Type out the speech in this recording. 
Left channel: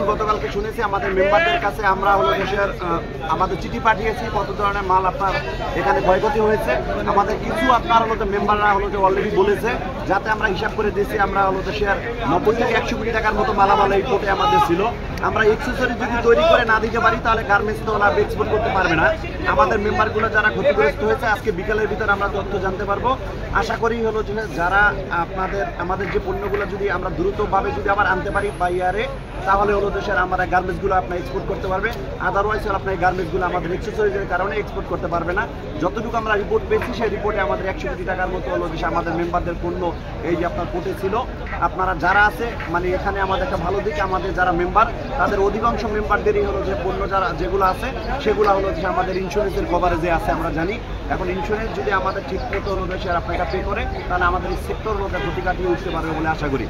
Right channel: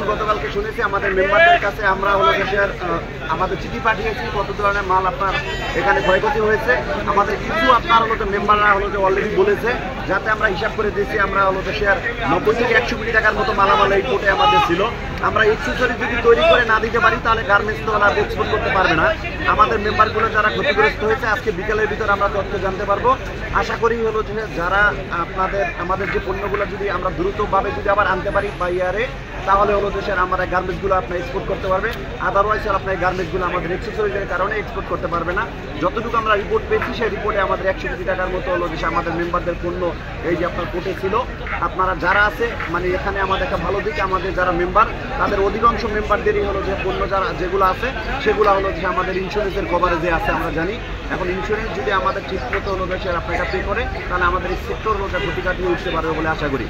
যেমন গতকালকে শুনেছি আমাদের মেম্বারদের কাছে আমরা হলো দেশের আমাদের চিঠি পাঠিয়েছি কত ধরনের মাল আপনার এখানে ক্ষয়ক্ষতি হয়েছে। আমাদের কিছু আপনার হলো মেম্বাররা হলো যে অলরেডি বলেছে, যাতে আমরা হিসাব করে দিয়েছি আমরা হলো দেশের 90 থেকে 100 কোটি টাকার মতো মালামাল এই কোর্টে আমাদের ছিল। আমরা এক্সেসরি যদি তৈরি করে না দিতে পারি তাহলে গার্মেন্টস তো আর এক্সপোর্ট করতে পারবে না। আমাদের মেম্বারগুলো যারা ক্ষতিগ্রস্ত হয়েছে আজকে বিকেলের ভিতরে আমরা তথ্য জানতে পারবো। আশা করি হলো যে যারা আমাদের যে পণ্যগুলো যদি আমরা দ্রুতভাবে যদি আবার আনতে পারি বাইরে, তাহলে হলো দেশের আমরা গার্মেন্টসগুলো আপনার এক্সপোর্ট করতে পারবে। আদারওয়াইজ আপনার গার্মেন্টসগুলো আমাদের এক্সেসরিজের কারণে এক্সপোর্ট করতে পারবে না। যতটুকু আমরা রিপোর্ট পেয়েছি সেই রিপোর্টে আমাদের 100 কোটি টাকার মতো হলো যে আমাদের মেম্বারদের পণ্য এই যে আপনার কোর্টে ছিল। আপনারা যারা আছে মানে এখানে আমাদের একটা ভালো দিক, আমাদের যারা মেম্বার তাদের অধিকাংশ মেম্বারদেরই হলো যে পণ্য যেগুলো আছে সেগুলো হলো যে আমাদের ইন্স্যুরেন্সের কভারেজে আছে আমরা জানি। এখন ইন্স্যুরেন্স যদি আমাদের ঠিক মতো হলো দেশের আপনাকে পে করে তাহলে আমাদের এই সেক্টর হলো ক্ষতি কাটিয়ে উঠতে পারবে বলে আশা করি।